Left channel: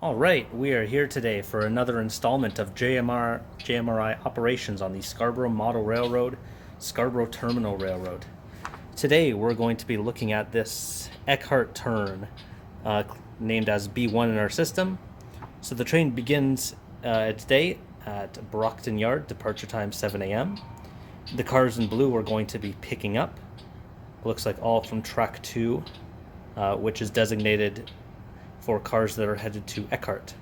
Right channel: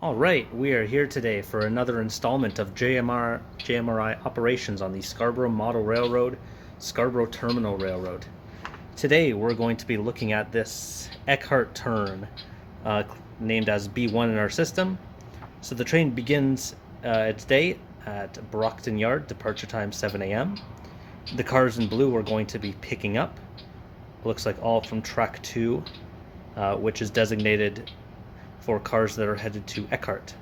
All right, we are here today for another installment of JMRI operations on the Scarborough Model Railroad, Scarborough Terminal Railroad. Today we're going to be looking at this Ekhardt Turn, named as B1 in our system. So the train begins its day at Brockton Yard, departure time 7 a.m. The cars in blue we're going to be picking up. Looks like all from track 2, which is designated for cars that are headed to Ekhardt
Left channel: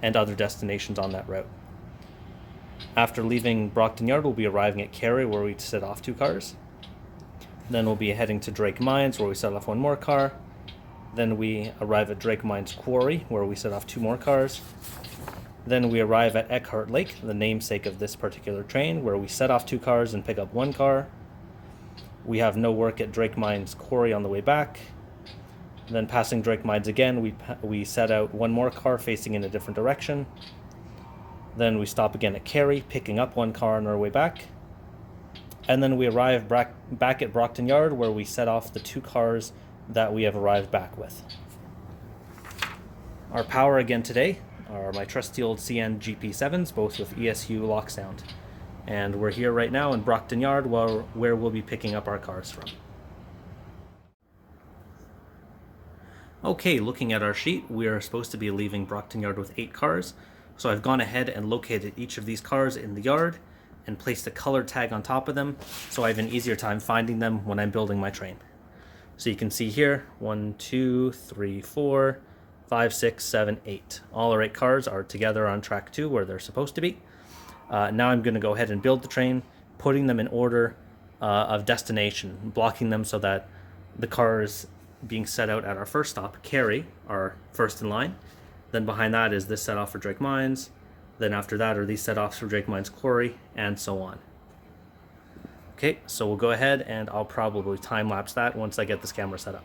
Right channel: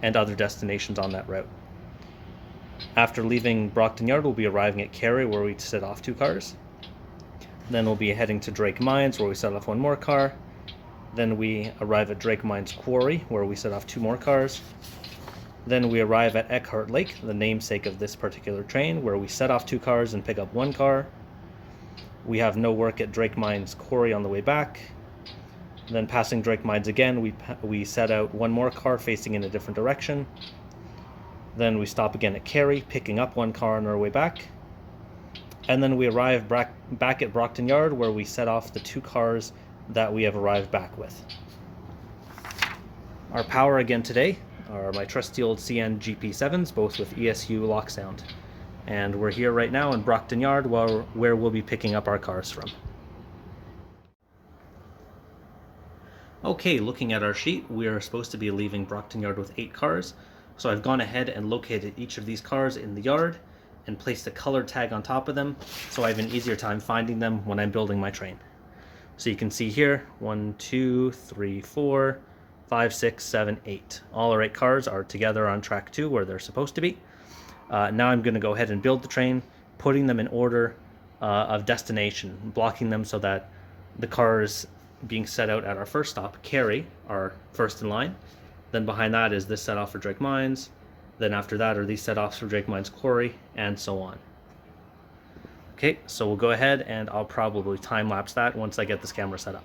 and other destinations on that route. After leaving Brockton Yard, we'll be arriving at Cary, where we set off 2 cars. Then we'll be heading to Drake Mines, where we set off 1 more car. Then we arrive at Drake Mines Quarry, where we set off 2 more cars. Then we arrive at Ekhardt Lake, the namesake of this particular train, where we set off 2 cars and pick up 1 car. We have no work at Drake Mines Quarry on the way back. Then passing Drake Mines again, we set out 1 more car facing in a different direction. Then we stop again at Cary, picking up 1 car on our way back. And then we arrive back at Brockton Yard, where we set off the 2 cars that we have arrived back with. Our power again today are my trusty old CN GP7s, both with ESU lock sound. And we're here right now in Brockton Yard, where we'll be picking up our cars from. Okay, looking at our sheet, we are supposed to be leaving Brockton Yard with 8 cars. So I've gone ahead and located each of these cars in the yard and placed a color tag on top of them, so I have an easier time finding them when I'm building my train. So you can see here, 1, 2, 3, 4, 5, 6, 7, 8. All our 8 cars are together on track 2 where they're supposed to be. Now I'm going to go ahead and build the train, putting them in order of destination, blocking them so that the cars being set out at our first stop, Cary, are first in line. Then behind that is this set off for Drake Mines. Then after that are these set offs for Drake Mines Quarry, and so on. Okay, so we'll go ahead and I'll probably time lapse that once I get this camera set up.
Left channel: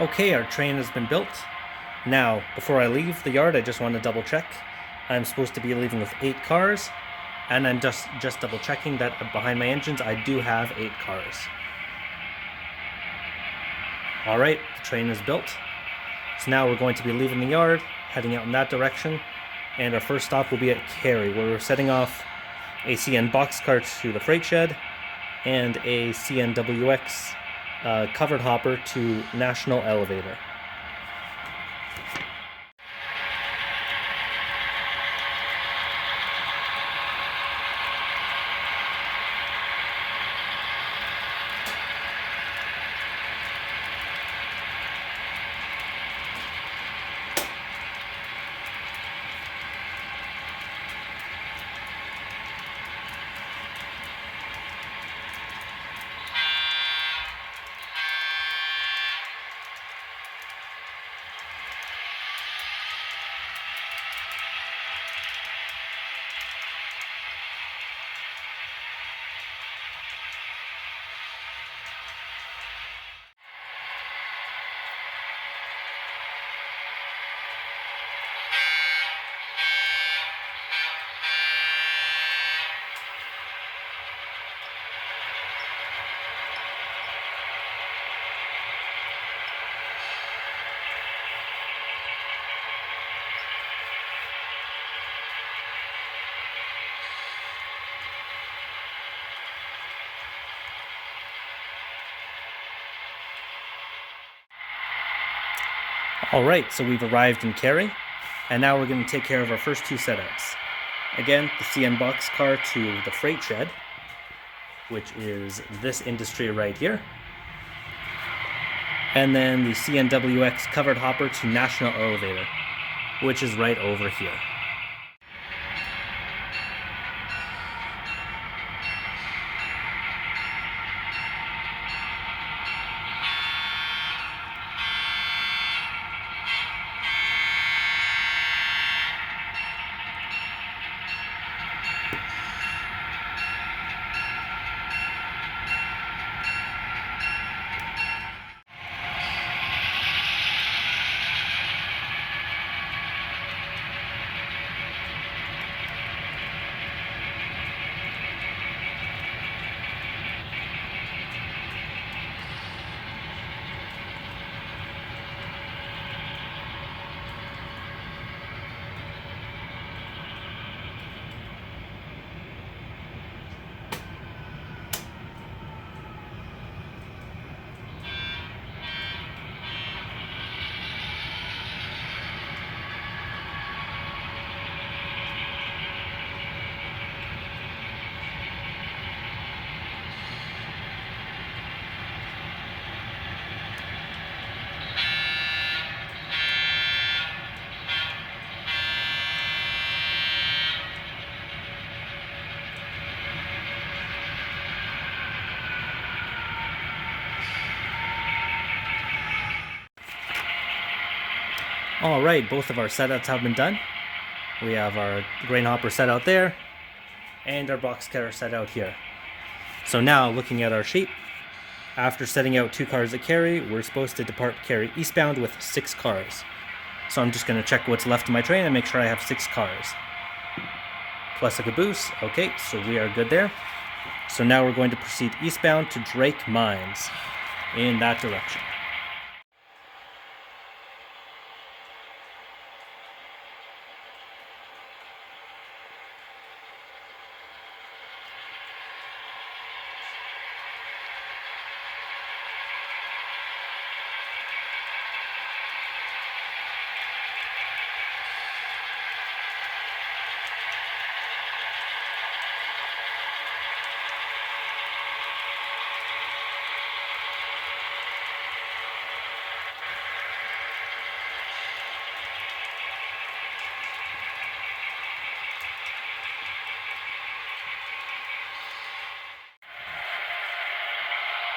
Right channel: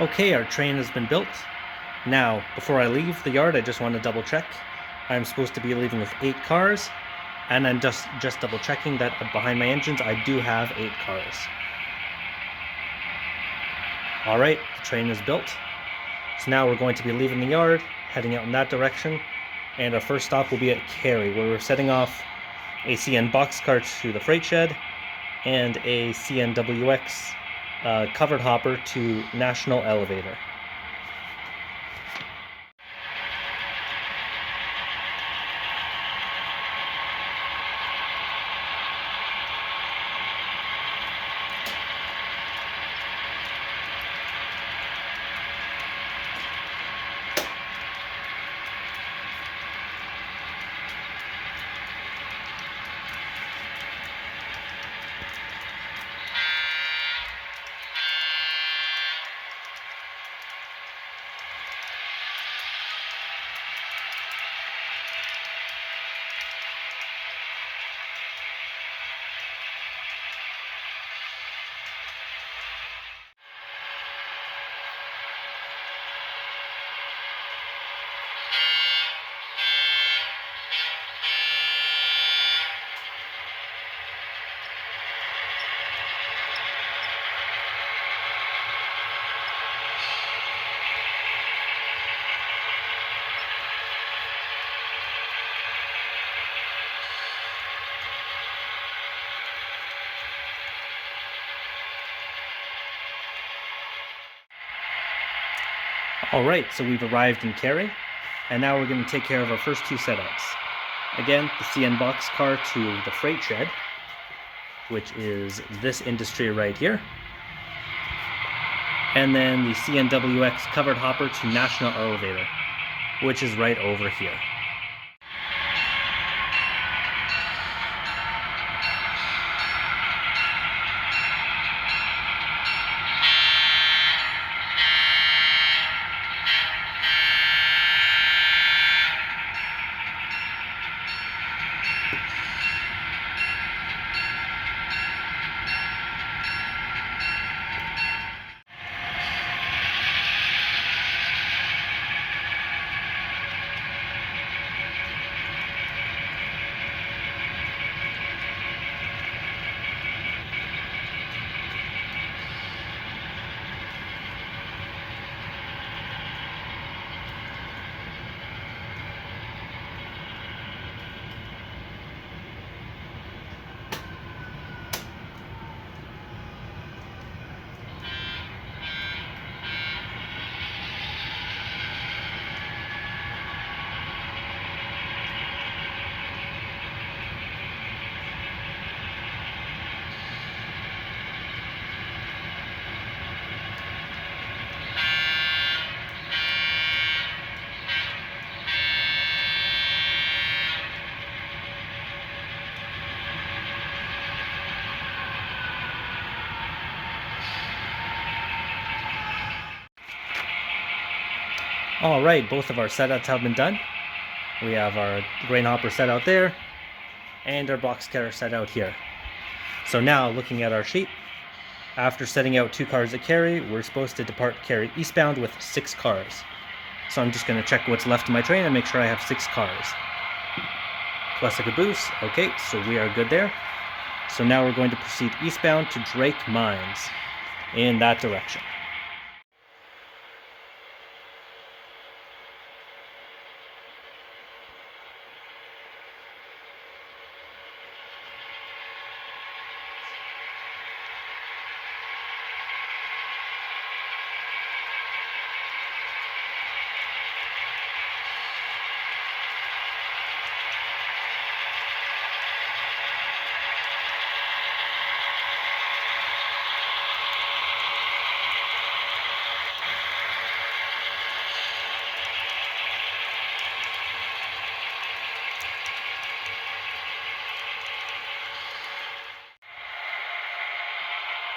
Okay, our train has been built. Now, before I leave the yard, I just want to double check. I'm supposed to be leaving with 8 cars, and I'm just double checking that behind my engines I do have 8 cars. Alright, the train is built. So now we're going to be leaving the yard, heading out in that direction, and our first stop will be at Cary, where we're setting off a CN box cart to the freight shed, and a CNWX covered hopper to National Elevator. Alright, so we've arrived in Cary, and now we're going to take care of our first two setouts. Again, the CN box car to the freight shed, which is this industry right here. And then the CNWX covered hopper to National Elevator, which is right over here. Alright, both of our setouts have been done. We have our grain hopper set out there, and our box cutter set out here. So now, looking at our sheet, after setting out 2 cars at Cary, we're supposed to depart Cary eastbound with 6 cars. So I'm just going to check what's left in my train and make sure I have 6 cars. Plus a caboose. Okay, so we are good there. So now we're going to proceed eastbound to Drake Mines in that direction.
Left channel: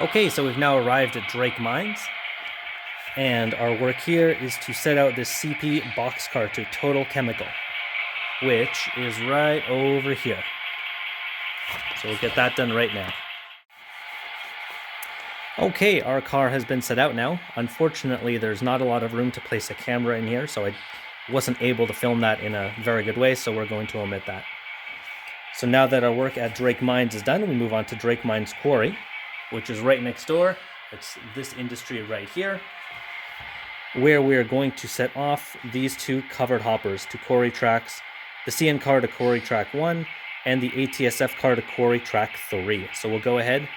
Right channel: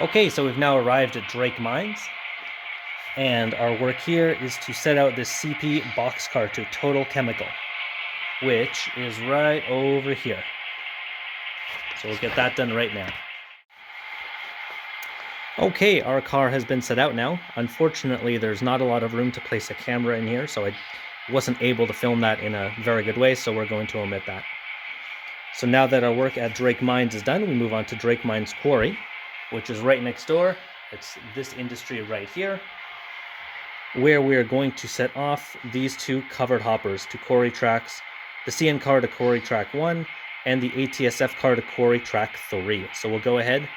Okay, so we've now arrived at Drake Mines, and our work here is to set out this CP boxcar to Total Chemical, which is right over here. So we'll get that done right now. Okay, our car has been set out now. Unfortunately, there's not a lot of room to place a camera in here, so I wasn't able to film that in a very good way, so we're going to omit that. So now that our work at Drake Mines is done, we move on to Drake Mines Quarry, which is right next door. It's this industry right here, where we are going to set off these 2 covered hoppers to quarry tracks, the CN car to quarry track 1, and the ATSF car to quarry track 3. So we'll go ahead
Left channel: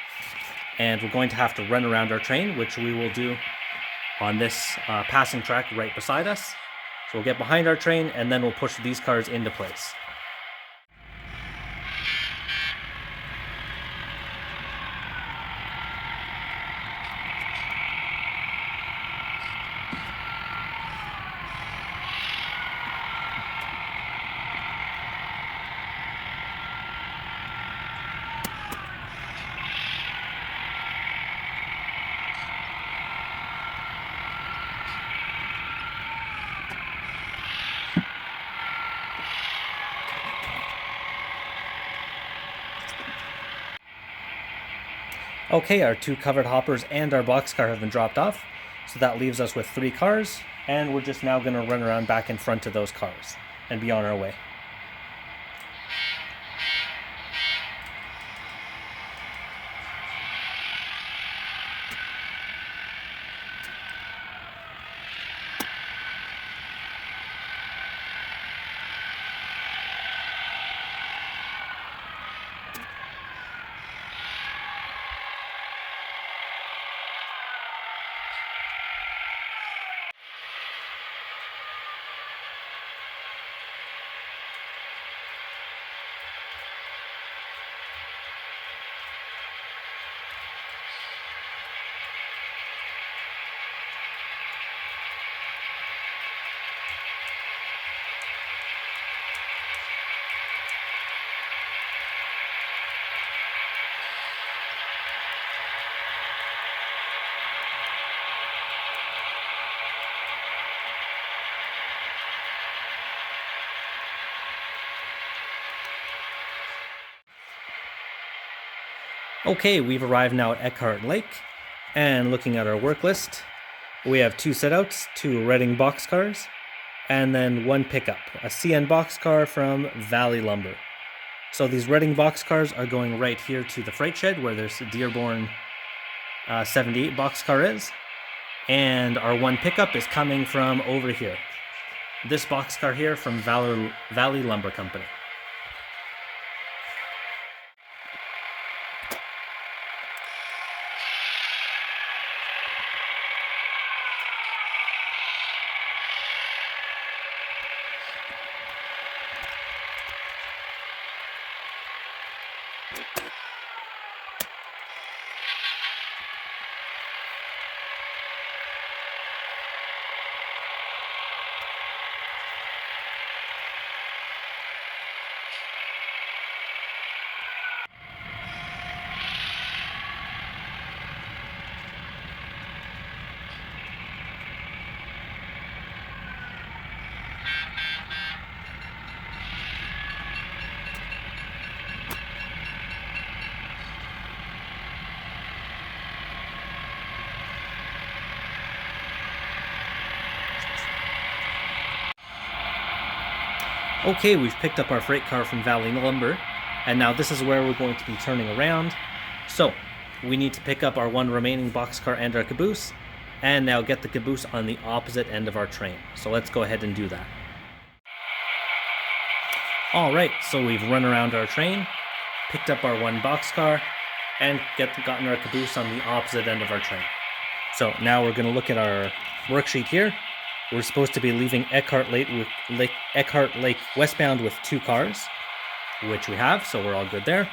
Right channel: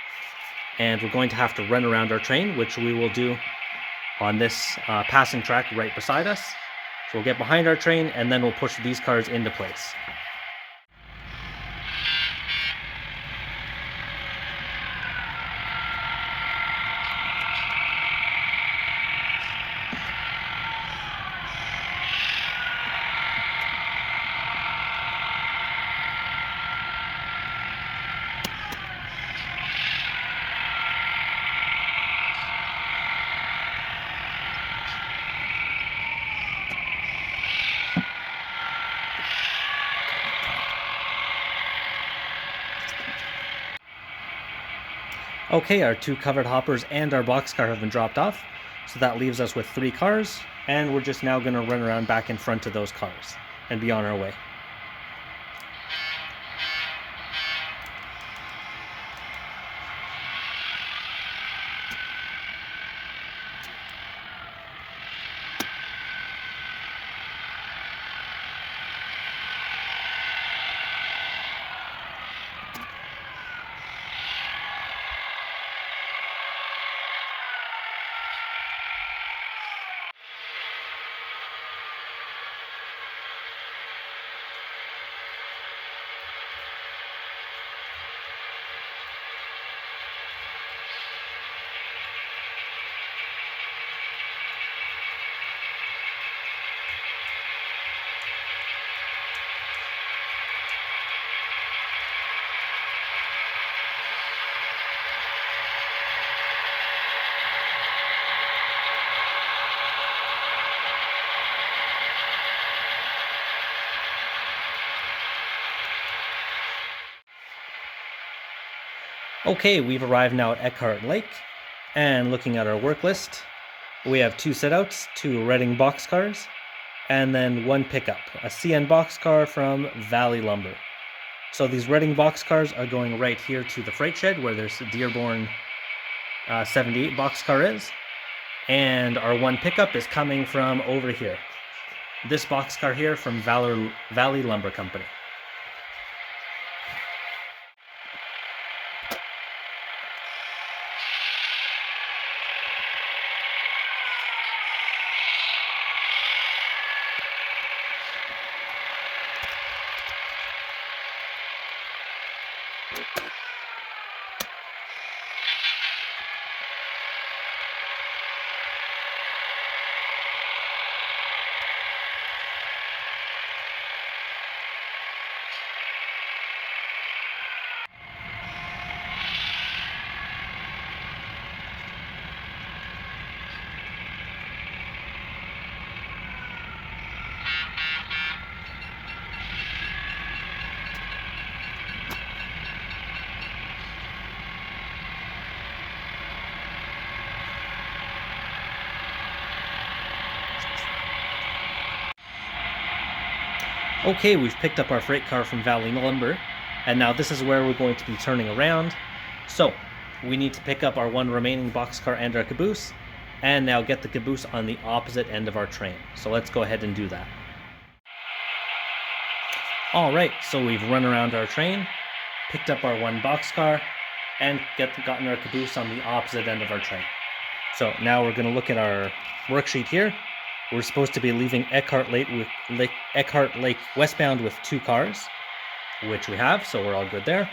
and we're going to have to run around our train, which we will do on this passing track right beside us. So we'll get behind our train and then we'll push these cars into place. Okay, our 2 covered hoppers and our boxcar have been dropped off, so that leaves us with 3 cars, and we're just now going to run around back in front of those cars and be on our way. Okay, we've arrived now at Ekhardt Lake, and looking at our work list, we have 2 setouts, 2 Reading boxcars, and then 1 pickup, a CN boxcar from Valley Lumber. So these Reading boxcars are going right here to the freight shed where there's the Dearborn 78 boxcar is, and our 1 pickup is coming from over here. This boxcar here from Valley Lumber Company. Okay, we've picked up our freight car from Valley Lumber, and now this is where we're going to be turning around. So, we need to pick up our 1 remaining boxcar and our caboose, and now get the caboose on the opposite end of our train. So let's go ahead and do that. Alright, so we've run around our train, picked up our 1 boxcar, and gotten our caboose on the opposite end of our train. So now we're going to look at our worksheet here. We're supposed to be leaving Ekhardt Lake westbound with 2 cars, which we have, so we're all good there.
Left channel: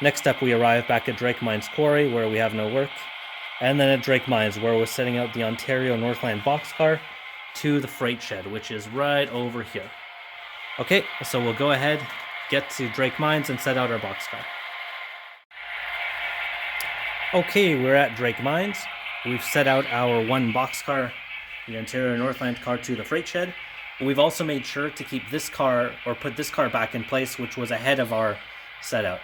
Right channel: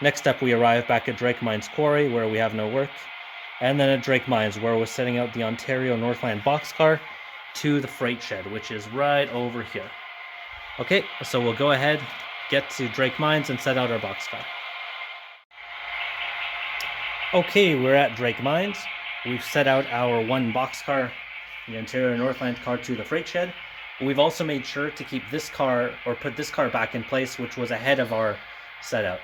Next up, we arrive back at Drake Mines Quarry, where we have no work, and then at Drake Mines, where we're setting out the Ontario Northland boxcar to the freight shed, which is right over here. Okay, so we'll go ahead, get to Drake Mines, and set out our boxcar. Okay, we're at Drake Mines. We've set out our 1 boxcar, the Ontario Northland car, to the freight shed. We've also made sure to keep this car, or put this car back in place, which was ahead of our set out.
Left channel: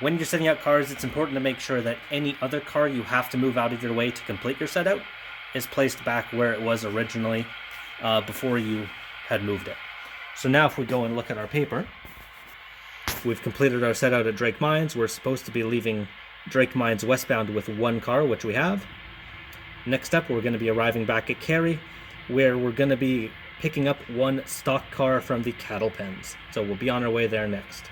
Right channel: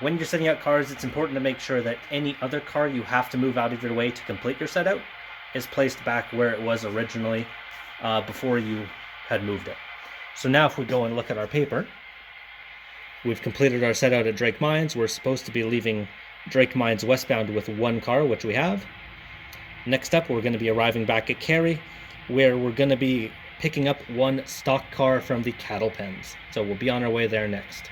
When you're setting out cars, it's important to make sure that any other car you have to move out of your way to complete your set out is placed back where it was originally before you had moved it. So now if we go and look at our paper, we've completed our set out at Drake Mines. We're supposed to be leaving Drake Mines westbound with 1 car, which we have. Next up, we're going to be arriving back at Cary, where we're going to be picking up 1 stock car from the cattle pens. So we'll be on our way there next.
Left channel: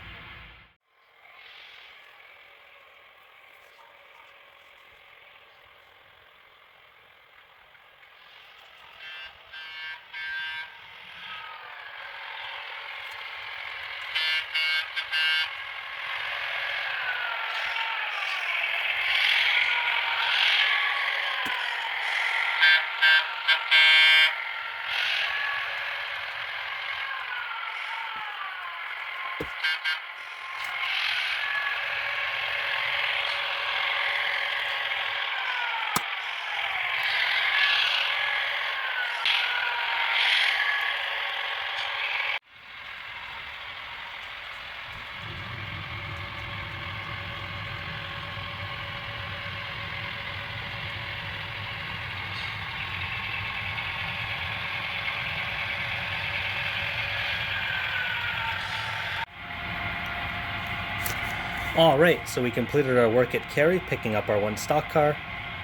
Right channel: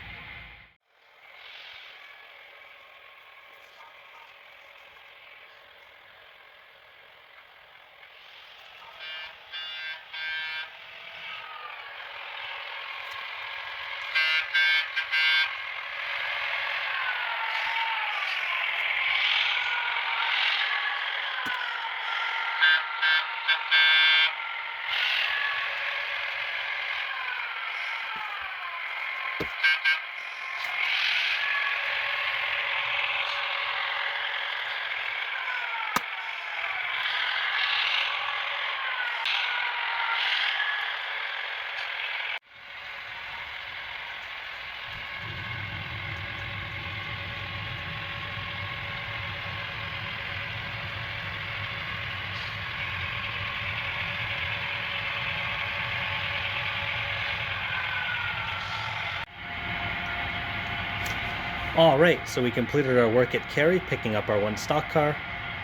Alright, so we completed our work at Cary, picking up our one stock car,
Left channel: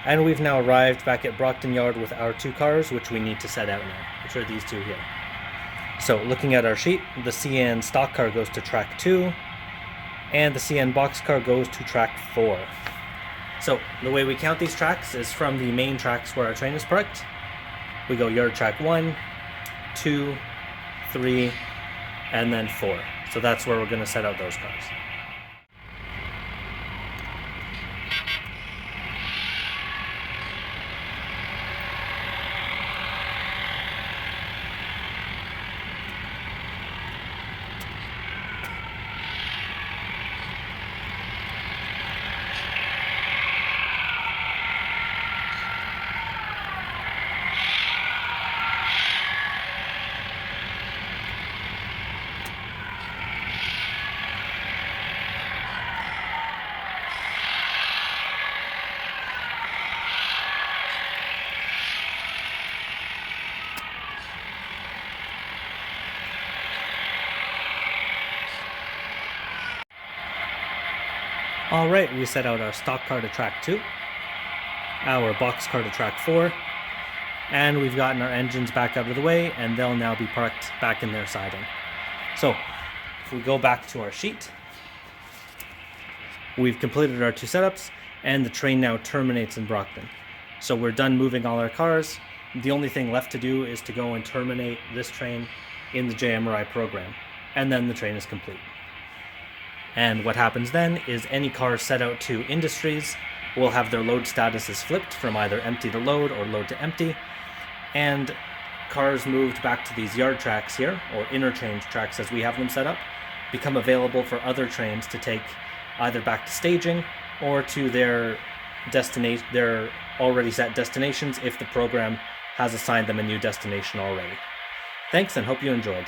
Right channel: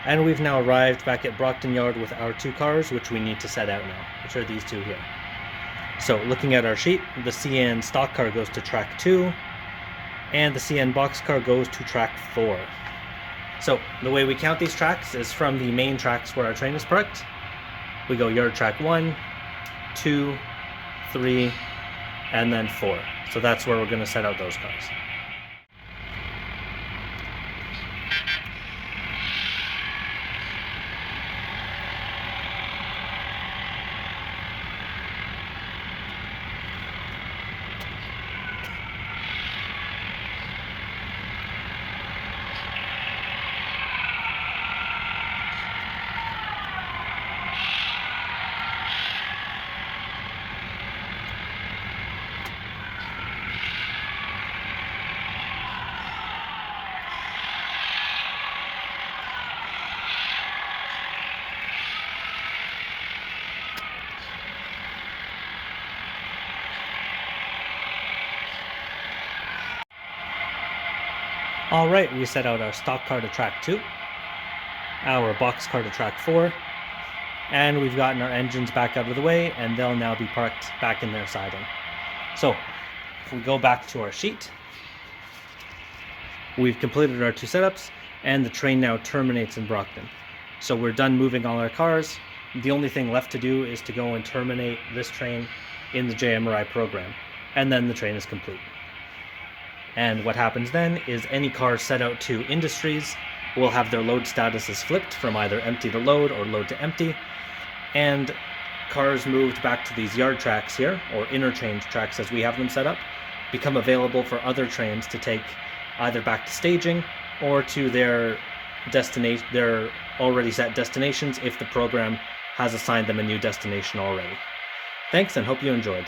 and we've now arrived back at Brockton Yard with our two cars, which we need to set out now, which are these two here. So looking at our sheet, the CN stock car goes to track 2, and the CN box car goes to track 4. So the way we count these tracks is from the main tracks where our train is parked. We go yard track 1, 2, 3, and then 4. So that's where we're going to set out those cars. Alright, we set out our stock car to track 2, our box car to track 4, and we've gotten our engines back out of the way, and they'll now be parked back in their siding. So, if we go back to our sheet, we've completed our two setups, and the train now terminates in Brockton. So we're done moving all our cars. The only thing left to do is to go and terminate this train in the JMRI program, and then the train is complete. And what happens then is any cars set out to industries will have their load statuses flipped from either empty to load or load to empty, and cars moved back to these yard tracks here, or interchange tracks as we have them set up, become available for other trains to take either back to staging or to their destination, their already set destinations if the program has assigned them a new destination already. Thanks, and hope you enjoyed.